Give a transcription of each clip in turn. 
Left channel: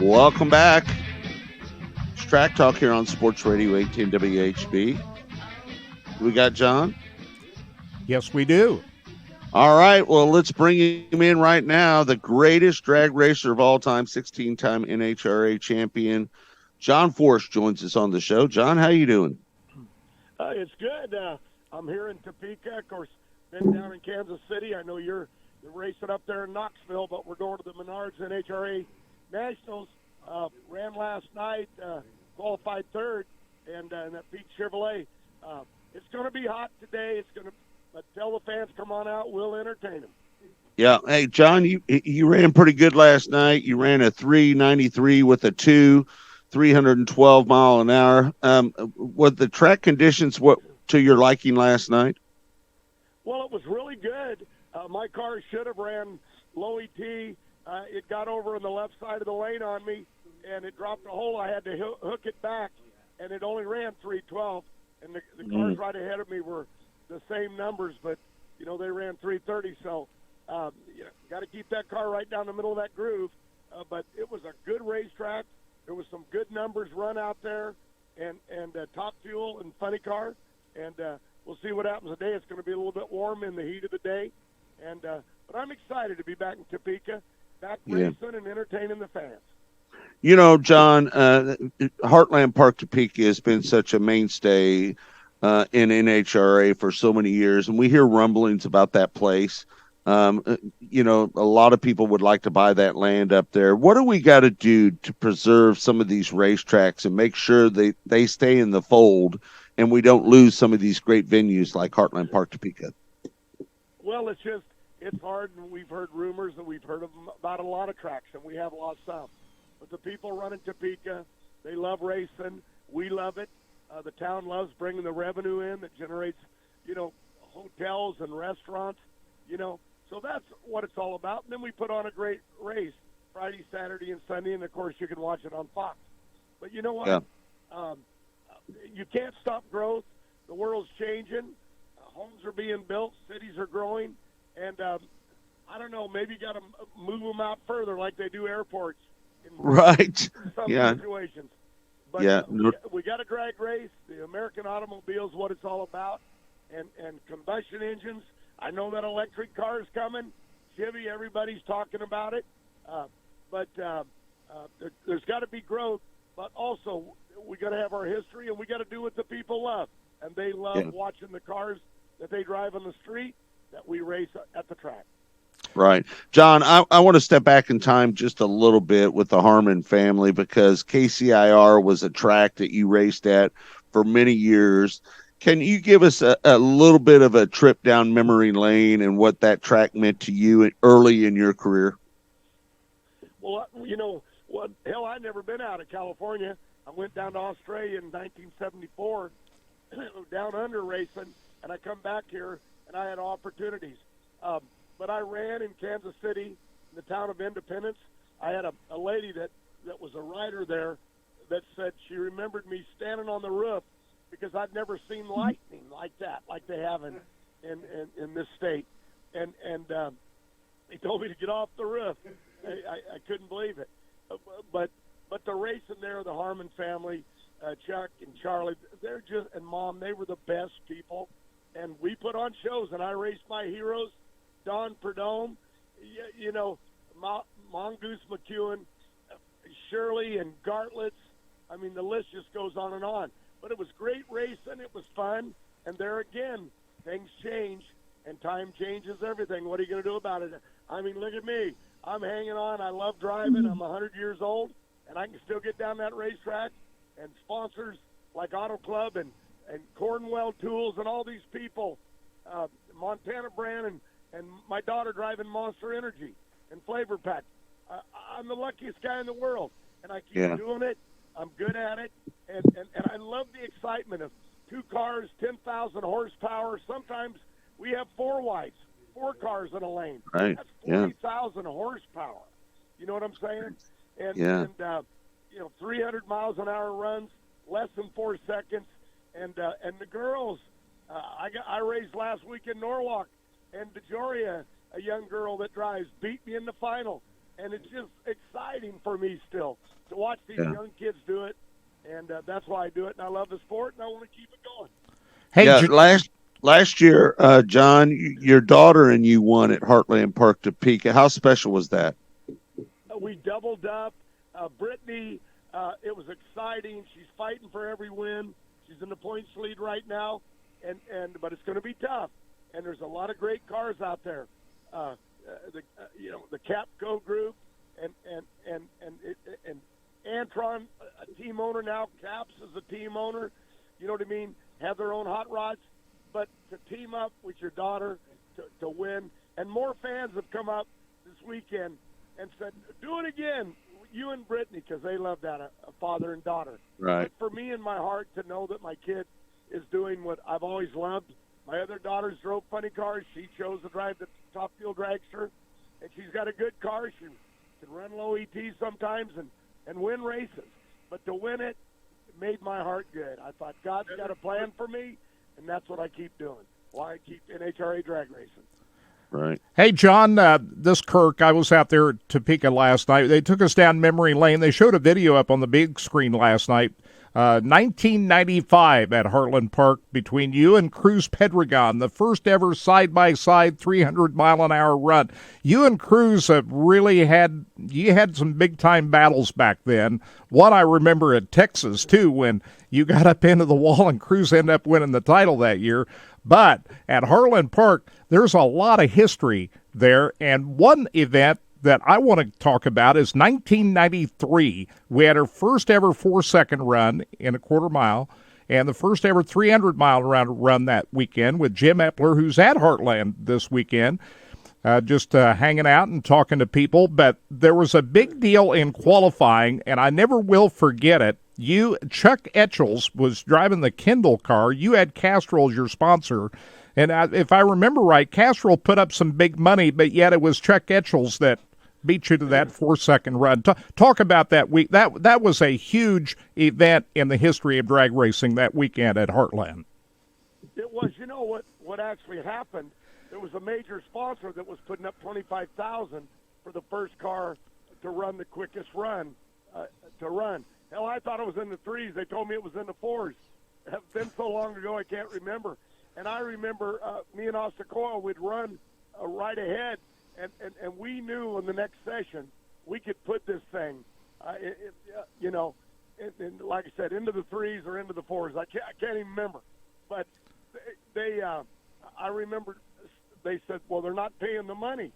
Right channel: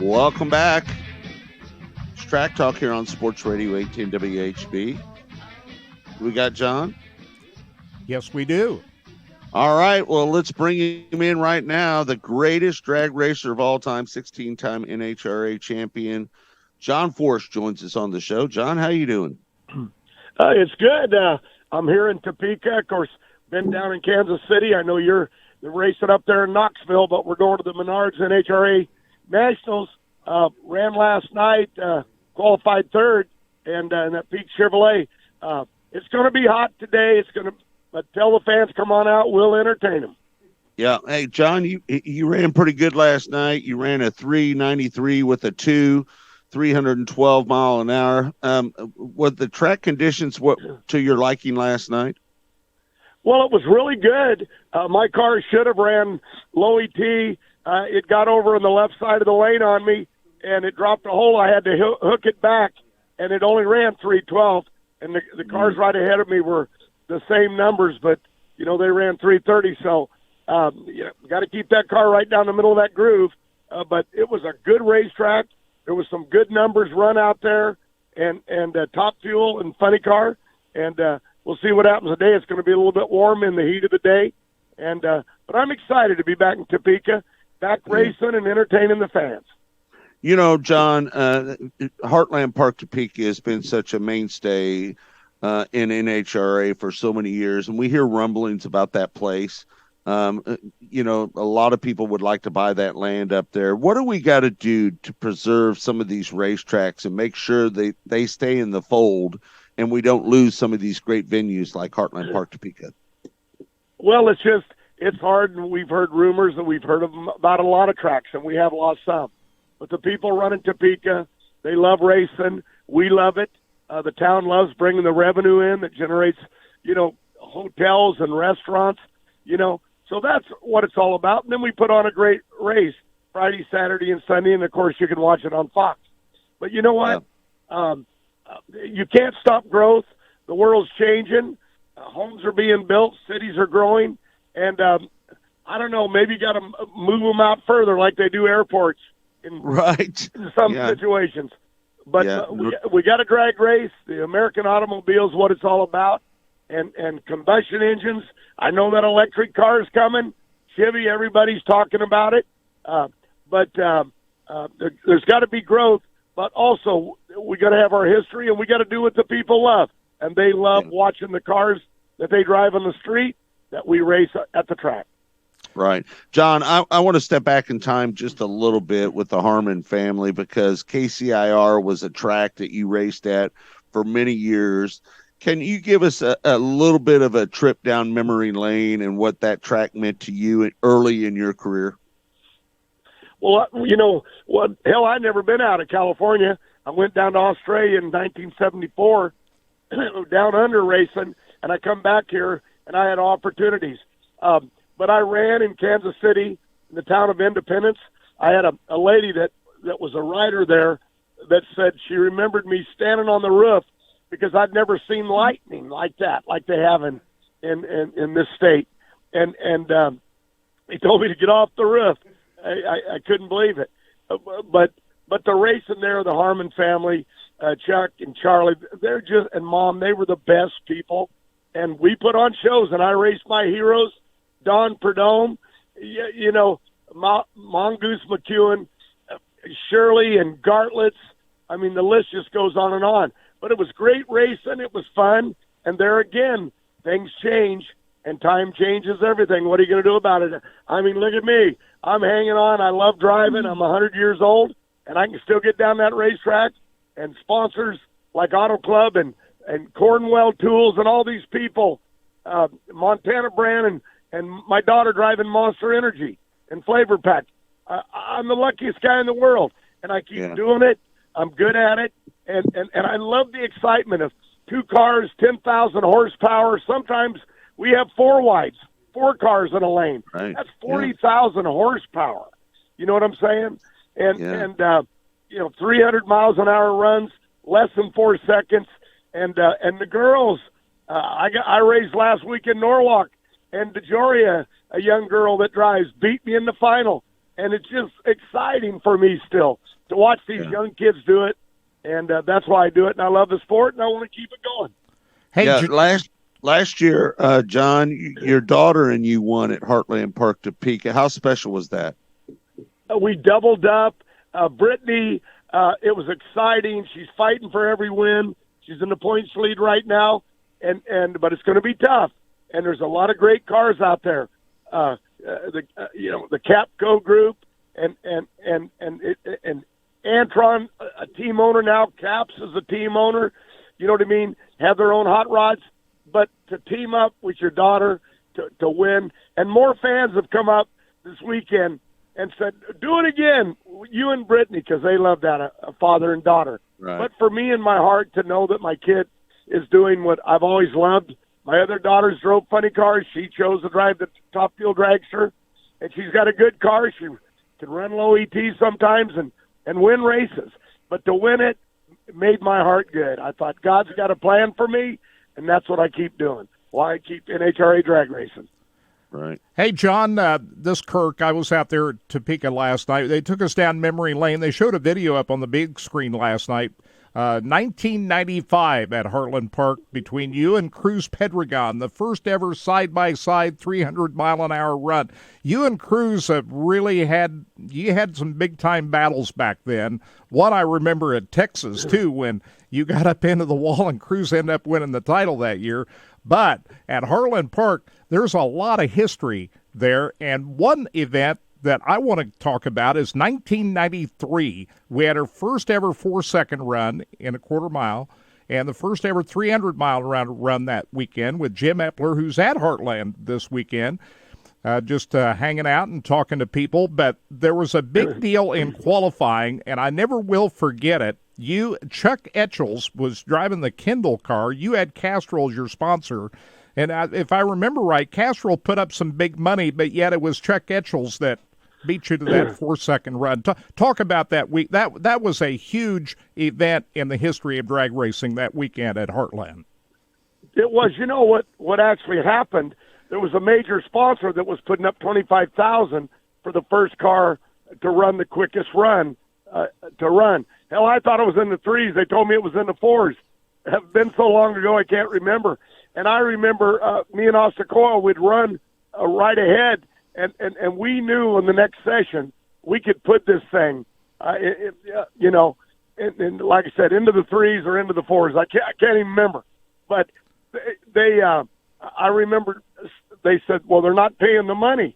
Welcome back. It's Track Talk here on Sports Radio 18 WHB. We got John? Yes, we do. All right, well, let's bring him in right now. The greatest drag racer of all time, 16-time NHRA champion, John Force joins us on the show. John, how you doing? It's good. I'm here in Topeka. Of course, been down in Kansas City. I know you're racing up there in Knoxville, but we're going to the Menards NHRA Nationals. Ran last night, qualified third, and in that Peak Chevrolet. It's going to be hot today. It's going to. But tell the fans, come on out. We'll entertain them. Yeah. Hey, John, you ran pretty good last night. You ran a 393 with a 312 mile an hour. Were the track conditions to your liking last night? Well, it was really good. My car should have ran low ET. It got over on the left side of the lane on me, and it dropped a hole. I had to hook it back, and it only ran 312. And the cars right ahead of me were the same numbers, but they ran 330. So got to keep that car right down the middle of that groove. But it was a good racetrack. There was some good numbers run out there, and top fuel and funny car. And we'll see what happens today. It's going to be a little bit warm in the heat of the day, and but I'm excited to be back in Topeka, back racing and entertaining the fans. John, Heartland Park Topeka has been such a mainstay in NHRA for so many years, and we hear rumblings about that place. A lot of people would like to buy that land up there. What do we got to do to preserve some of these racetracks and make sure they stay in the fold and we don't lose some of these great venues like Heartland Park Topeka? Well, it's hard, and we've heard rumors, and we've heard about a lot of tracks, and we have lost some. But the people running Topeka, they love racing. We love it. The town loves bringing the revenue in that generates, hotels and restaurants, So that's what it's all about. And then we put on a great race Friday, Saturday, and Sunday, and, of course, you can watch it on Fox. But you know what? Yeah. You can't stop growth. The world's changing. Homes are being built. Cities are growing. And I don't know, maybe you got to move them out further like they do airports in some situations. But we got a drag race. The American automobile is what it's all about, and combustion engines. I know that electric car is coming. Chevy, everybody's talking about it. But there's got to be growth. But also, we got to have our history, and we got to do what the people love. And they love watching the cars that they drive on the street that we race at the track. Right. John, I want to step back in time just a little bit with the Harmon family, because KCIR was a track that you raced at for many years. Can you give us a little bit of a trip down memory lane and what that track meant to you early in your career? Well, hell, I'd never been out of California. I went down to Australia in 1974, down under racing, and I come back here, and I had opportunities. But I ran in Kansas City, in the town of Independence. I had a lady that was a rider there that said she remembered me standing on the roof because I'd never seen lightning like that, like they have in this state. And he told me to get off the roof. I couldn't believe it. But the racing there, the Harmon family, Chuck and Charlie, and Mom, they were the best people. And we put on shows, and I raced my heroes, Don Perdome, Mongoose McEwen, Shirley and Gartlets. I mean, the list just goes on and on. But it was great racing. It was fun. And there again, things change, and time changes everything. What are you going to do about it? I mean, look at me. I'm hanging on. I love driving. I'm 100 years old, and I can still get down that racetrack. And sponsors like Auto Club and Cornwell Tools and all these people, Montana brand, and my daughter driving Monster Energy and Flavor Pack. I'm the luckiest guy in the world, and I keep doing it. I'm good at it, and I love the excitement of two cars, 10,000 horsepower. Sometimes we have four cars in a lane. Right. That's 40,000 horsepower. You know what I'm saying? And 300 miles an hour runs, less than 4 seconds. And the girls, I raced last week in Norwalk, and DeJoria, a young girl that drives, beat me in the final. and it's just exciting for me still to watch these young kids do it, and that's why I do it, and I love the sport, and I want to keep it going. Hey, Yeah, last year, John, your daughter and you won at Heartland Park Topeka. How special was that? We doubled up. Brittany, it was exciting. She's fighting for every win. She's in the points lead right now, but it's going to be tough. And there's a lot of great cars out there. The Capco group and Antron, a team owner now. Caps is a team owner. You know what I mean? Have their own hot rods, but to team up with your daughter to win, and more fans have come up this weekend and said, "Do it again, you and Brittany," because they love that, a father and daughter. Right. But for me in my heart to know that my kid is doing what I've always loved. My other daughters drove funny cars. She chose to drive the Top Fuel dragster, and she's got a good car. She can run low ET sometimes and win races. But to win it made my heart good. I thought, God's got a plan for me, and that's what I keep doing. Why I keep NHRA drag racing. Right. Hey, John, this Kirk, I was out there at Topeka last night. They took us down memory lane. They showed a video up on the big screen last night. 1995 at Heartland Park between you and Cruz Pedregon, the first ever side-by-side 300-mile-an-hour run. You and Cruz have really had some big-time battles back then. One I remember at Texas, too, when you got up into the wall and Cruz ended up winning the title that year. But at Heartland Park, there's a lot of history there, and one event that I want to talk about is 1993. We had our first ever 4-second run in a quarter mile, and the first ever 300-mile run that weekend with Jim Epler, who's at Heartland this weekend, just hanging out and talking to people. But there was a big deal in qualifying, and I never will forget it. Chuck Etchels was driving the Kendall car. You had Castrol as your sponsor. And if I remember right, Castrol put up some big money, but yet it was Chuck Etchels that beat you to that 4-second run. Talk about that week. That was a huge event in the history of drag racing that weekend at Heartland. It was. You know what actually happened? There was a major sponsor that was putting up $25,000 for the first car to run the quickest run to run. Hell, I thought it was in the 3s. They told me it was in the 4s. It had been so long ago I can't remember. And I remember me and Austin Coyle would run right ahead, and we knew in the next session we could put this thing, and like I said, into the 3s or into the 4s. I can't even remember. But I remember they said, well, they're not paying the money.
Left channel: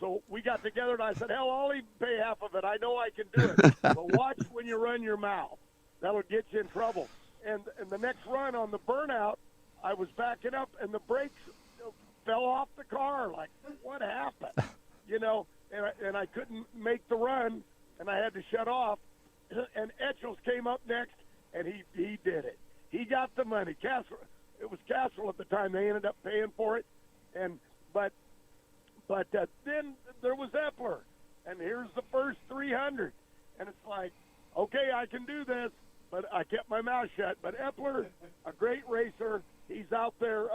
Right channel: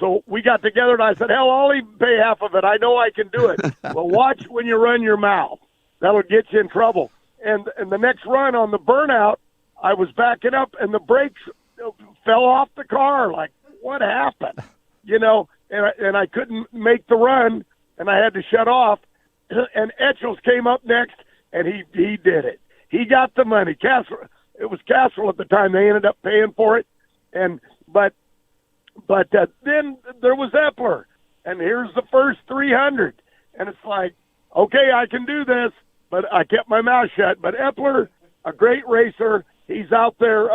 So we got together, and I said, hell, I'll even pay half of it. I know I can do it. Well, watch when you run your mouth. That'll get you in trouble. And the next run on the burnout, I was backing up, and the brakes fell off the car. Like, what happened? And I couldn't make the run, and I had to shut off. And Etchels came up next, and he did it. He got the money. It was Castrol at the time. They ended up paying for it. But then there was Epler, and here's the first 300. And it's like, okay, I can do this, but I kept my mouth shut. But Epler, a great racer, he's out there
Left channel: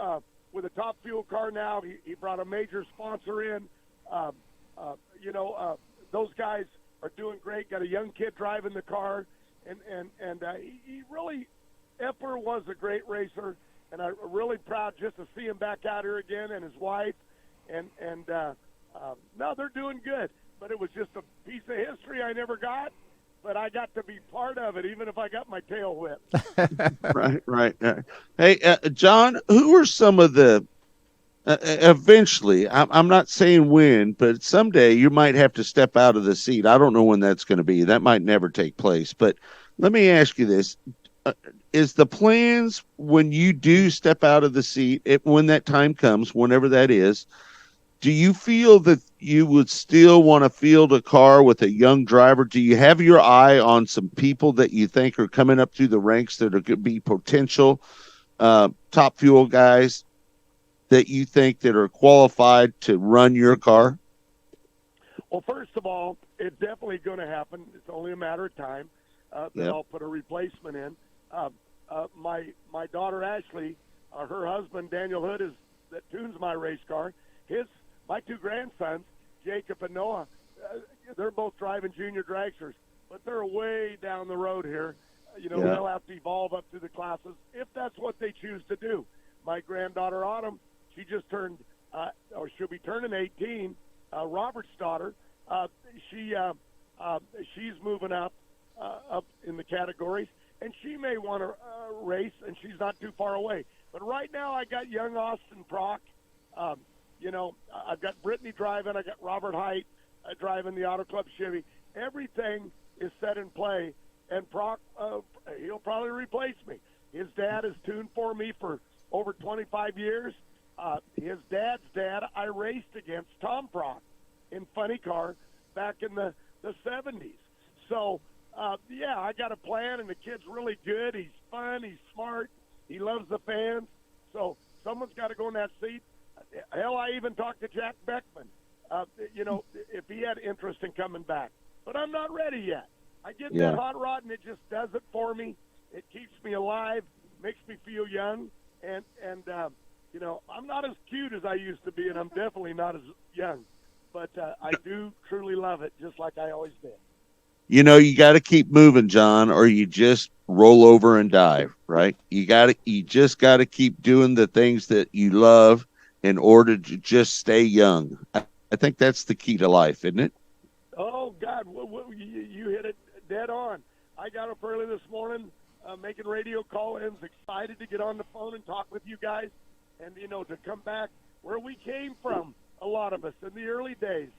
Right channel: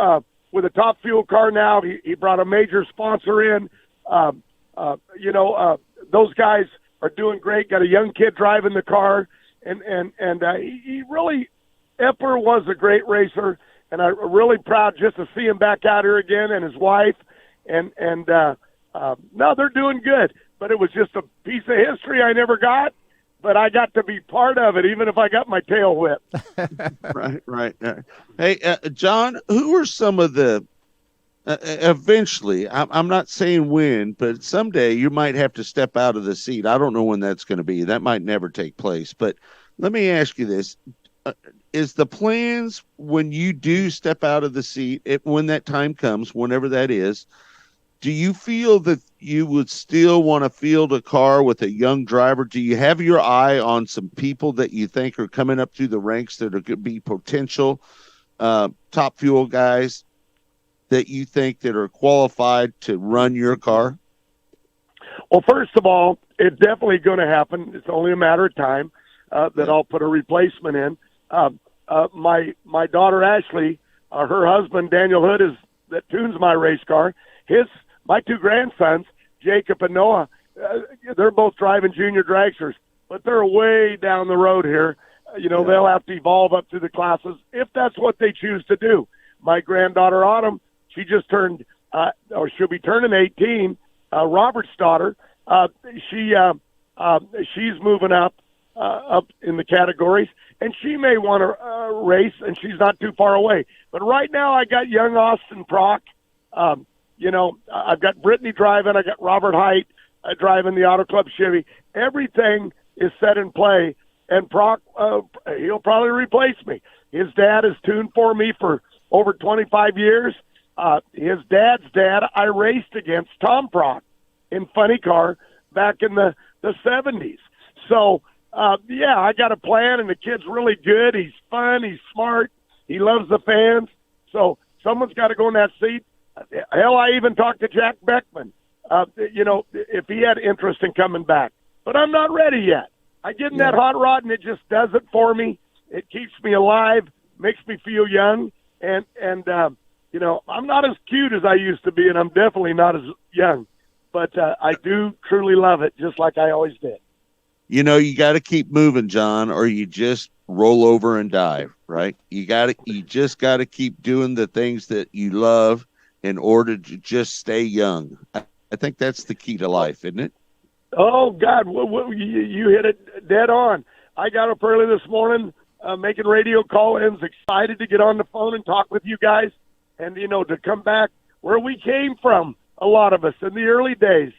with a Top Fuel car now. He brought a major sponsor in. Those guys are doing great. Got a young kid driving the car, and he really, Epler was a great racer, and I'm really proud just to see him back out here again, and his wife, no, they're doing good. But it was just a piece of history I never got, but I got to be part of it, even if I got my tail whipped. Right. Hey, John, who are some of the eventually, I'm not saying when, but someday you might have to step out of the seat. I don't know when that's going to be. That might never take place. But let me ask you this. Is the plans when you do step out of the seat, when that time comes, whenever that is, do you feel that you would still want to field a car with a young driver? Do you have your eye on some people that you think are coming up through the ranks that are going to be potential Top Fuel guys that you think that are qualified to run your car? Well, first of all, it's definitely going to happen. It's only a matter of time that I'll put a replacement in. My daughter Ashley, her husband Daniel Hood that tunes my race car. My two grandsons, Jacob and Noah, they're both driving junior dragsters, but they're way down the road here. They'll have to evolve up through the classes if that's what they choose to do. My granddaughter Autumn, she just turned, or she'll be turning 18. Robert's daughter, she's moving up in the categories, and she may want to race, and she's not too far away. But right now, I got young Austin Prock. I've got Brittany driving. I got Robert Height driving the Auto Club Chevy. Everything is set in play, and Prock, he'll probably replace me. His dad has tuned for me for over 25 years. His dad's dad, I raced against Tom Prock in Funny Car back in the 70s. So, I got a plan, and the kid's really good. He's fun. He's smart. He loves the fans. So someone's got to go in that seat. Hell, I even talked to Jack Beckman, if he had interest in coming back. But I'm not ready yet. I get in that hot rod, and it just does it for me. It keeps me alive, makes me feel young, and I'm not as cute as I used to be, and I'm definitely not as young. But I do truly love it, just like I always did. You got to keep moving, John, or you just roll over and die, right? You just got to keep doing the things that you love in order to just stay young. I think that's the key to life, isn't it? Oh, God, you hit it dead on. I got up early this morning making radio call-ins, excited to get on the phone and talk with you guys, and, to come back where we came from, a lot of us, in the early days.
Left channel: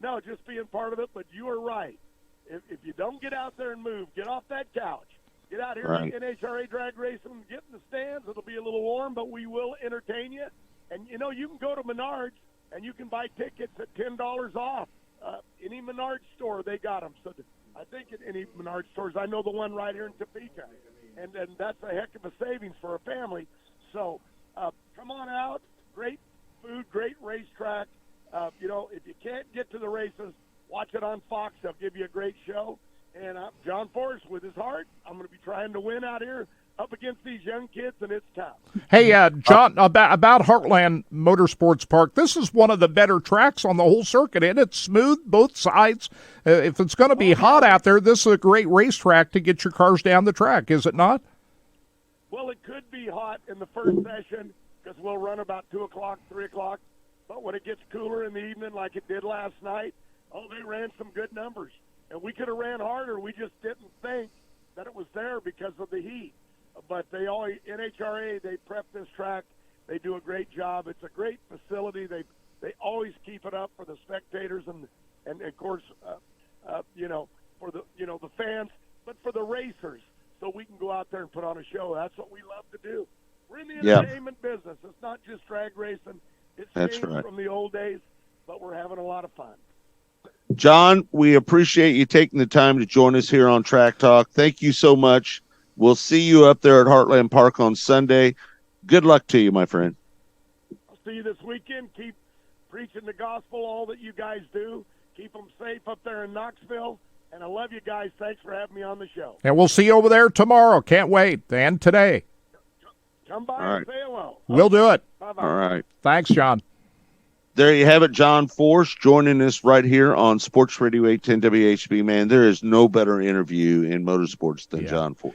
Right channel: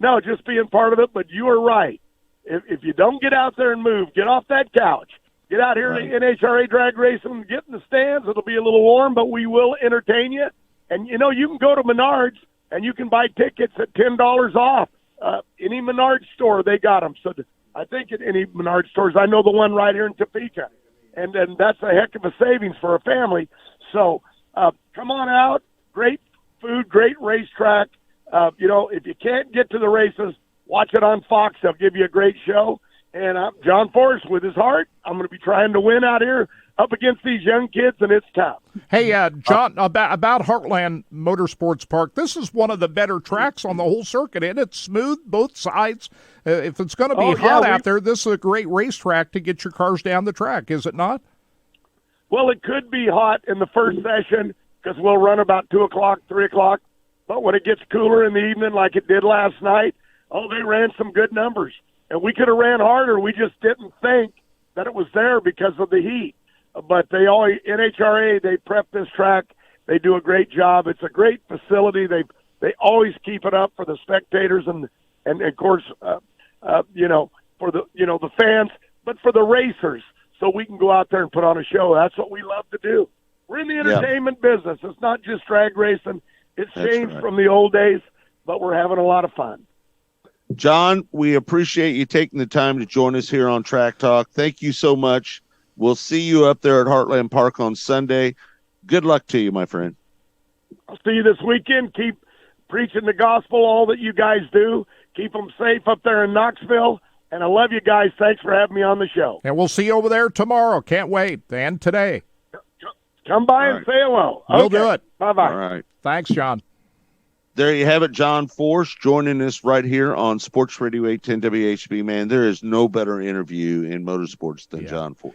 No, just being part of it, but you are right. If you don't get out there and move, get off that couch, get out here in NHRA drag racing, get in the stands. It'll be a little warm, but we will entertain you. And, you can go to Menards, and you can buy tickets at $10 off. Any Menards store, they got them. So I think at any Menards stores, I know the one right here in Topeka. And that's a heck of a savings for a family. So come on out. Great food, great racetrack. If you can't get to the races, watch it on Fox. They'll give you a great show. And John Forrest, with his heart, I'm going to be trying to win out here up against these young kids, and it's tough. Hey, John, about Heartland Motorsports Park, this is one of the better tracks on the whole circuit, and it's smooth, both sides. If it's going to be hot out there, this is a great racetrack to get your cars down the track, is it not? Well, it could be hot in the first session because we'll run about 2 o'clock, 3 o'clock. But when it gets cooler in the evening like it did last night, they ran some good numbers. And we could have ran harder. We just didn't think that it was there because of the heat. But NHRA, they prep this track. They do a great job. It's a great facility. They always keep it up for the spectators and of course, for the fans, but for the racers, so we can go out there and put on a show. That's what we love to do. We're in the entertainment business. It's not just drag racing. It's changed from the old days, but we're having a lot of fun. John, we appreciate you taking the time to join us here on Track Talk. Thank you so much. We'll see you up there at Heartland Park on Sunday. Good luck to you, my friend. I'll see you this weekend. Keep preaching the gospel, all that you guys do. Keep them safe up there in Knoxville. And I love you guys. Thanks for having me on the show. And we'll see you over there tomorrow. Can't wait. And today. Come by and say hello. We'll do it. Bye-bye. All right. Thanks, John. There you have it, John Force joining us right here on Sports Radio 810 WHB. Man, there is no better interview in motorsports than John Force.